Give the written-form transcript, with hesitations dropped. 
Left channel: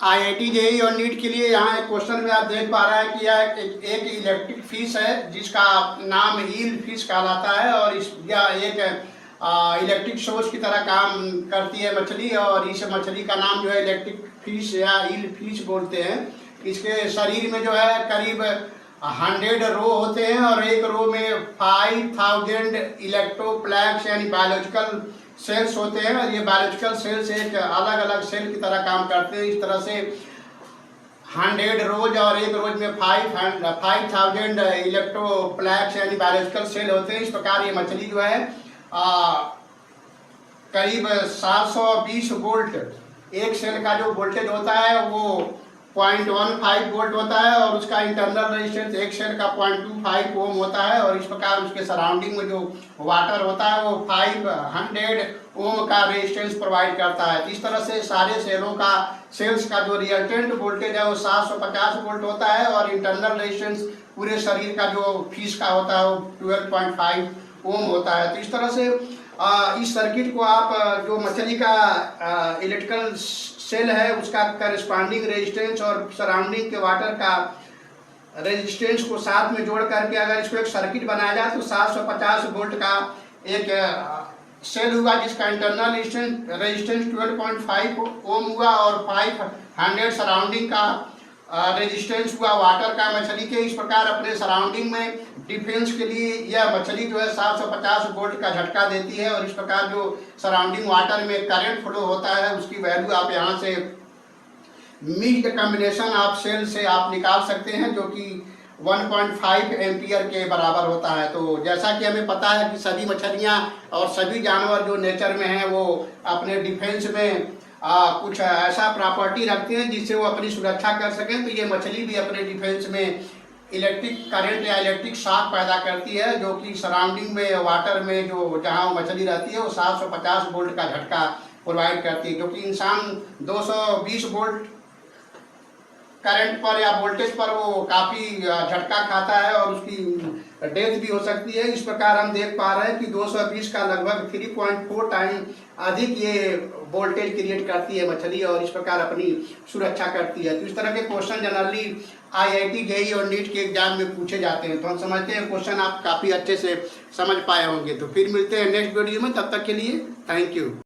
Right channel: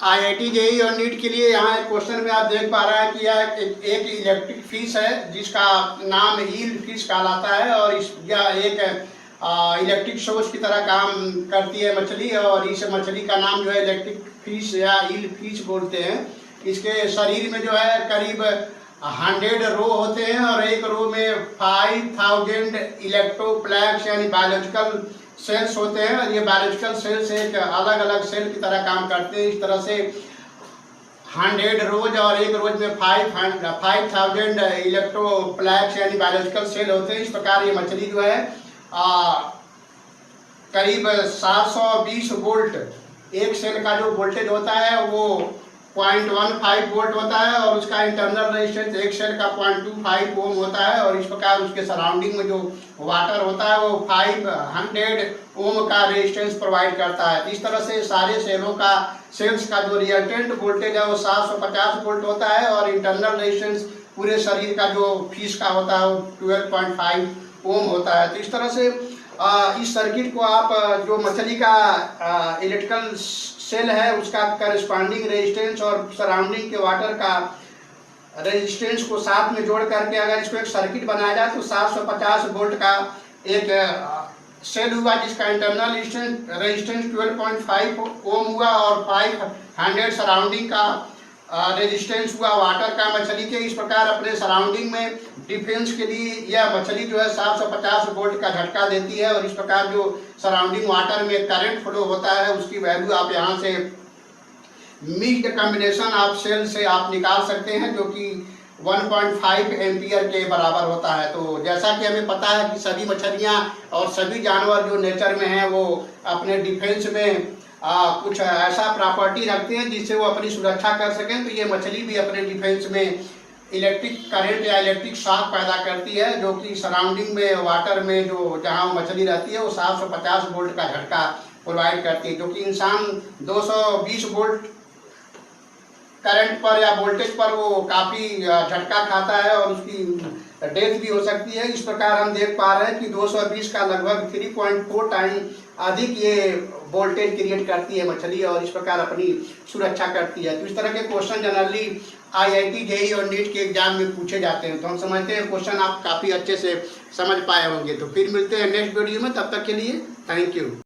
IIT JEE और NEET के लिए यहाँ क्वेश्चन में आप देख पा रहे हैं कि यह एक इलेक्ट्रिक फिश है जिसका नाम ईल फिश कहलाता है और यह एक इलेक्ट्रिक सोर्स की तरह काम करती है मछली। और इस मछली का नाम जो है इलेक्ट्रिक फिश या ईल फिश बोलते हैं। इसके शरीर में जो है करीब 100 रो होते हैं और एक रो में 5000 इलेक्ट्रोप्लैक्स यानी बायोलॉजिकल सेल्स होते हैं। और ये बायोलॉजिकल सेल्स एक अलग अलग सेल की तरह काम करते हैं। इस तरह से 100 रोज और एक रोज में 5000 इलेक्ट्रोप्लैक्स यानी बायोलॉजिकल सेल होते हैं। इस प्रकार ये मछली जो है करीब 720 वोल्ट एक सेल का जो वोल्टेज होता है वो 0.15 वोल्ट होता है और उसका इंटरनल रेजिस्टेंस एक सेल का 0.25 ओम होता है। और इस प्रकार उसके सराउंडिंग में जो वाटर होता है वो 500 ओम का रेजिस्टेंस प्रोवाइड करता है। इस तरह से सारे सेल्स का जो रिजल्टेंट वोल्टेज है वो 750 वोल्ट होता है और इंटरनल रेजिस्टेंस पूरे शरीर का जो फिश का होता है वो 12.5 ओम होता है। तो इस तरह से इस सर्किट को आप जो मछली का इलेक्ट्रिकल सेल है उसका करस्पॉन्डिंग रेजिस्टेंस और सराउंडिंग के वाटर का रेजिस्टेंस को साथ में जोड़ करके अगर इसको एक सर्किट बनाया जाए तो 750 वोल्ट का एक सेल हुआ जिसका इंटरनल रेजिस्टेंस 12.5 ओम हुआ और 500 सराउंडिंग का रेजिस्टेंस हुआ वाटर का मछली के। इस प्रकार अपने सराउंडिंग में डिफेंस के लिए यह मछली जो है 750 वोल्ट का झटका देती है। और इस प्रकार जो सराउंडिंग वाटर में करंट फ्लो होता है उसकी वैल्यू आप यहाँ से मिक्स्ड कॉम्बिनेशन ऑफ सेल से आप निकाल सकते हैं जो कि 1.5 एम्पियर के बराबर होता है। तो जैसा कि हमें पता है कि सभी मछलियाँ और सभी जानवर जो नेचर में हैं वो अपने डिफेंस में कुछ ऐसा प्रॉपर्टी रखते हैं जिससे वो अपनी सुरक्षा कर सकें। तो ये मछली भी अपने डिफेंस में इलेक्ट्रिक करंट या इलेक्ट्रिक शॉक पैदा करती है जो कि सराउंडिंग में वाटर में जो जहाँ मछली रहती है वो 750 वोल्ट का झटका प्रोवाइड करती है। जो कि इंसान 220 वोल्ट करंट पर या वोल्टेज पर वो काफ़ी झटका खाता है और उसकी डेथ भी हो सकती है। इस प्रकार हम देख पा रहे हैं कि 220 का लगभग 3.4 टाइम अधिक ये वोल्टेज क्रिएट करती है मछली और इस प्रकार अपनी सुरक्षा करती है। तो इस तरह के क्वेश्चन जनरली आईआईटी जेईई और नीट के एग्जाम में पूछे जाते हैं। तो हम समझते हैं क्वेश्चन आप काफ़ी अच्छे से समझ पाए होंगे। तो फिर मिलते हैं नेक्स्ट वीडियो में, तब तक के लिए थैंक यू।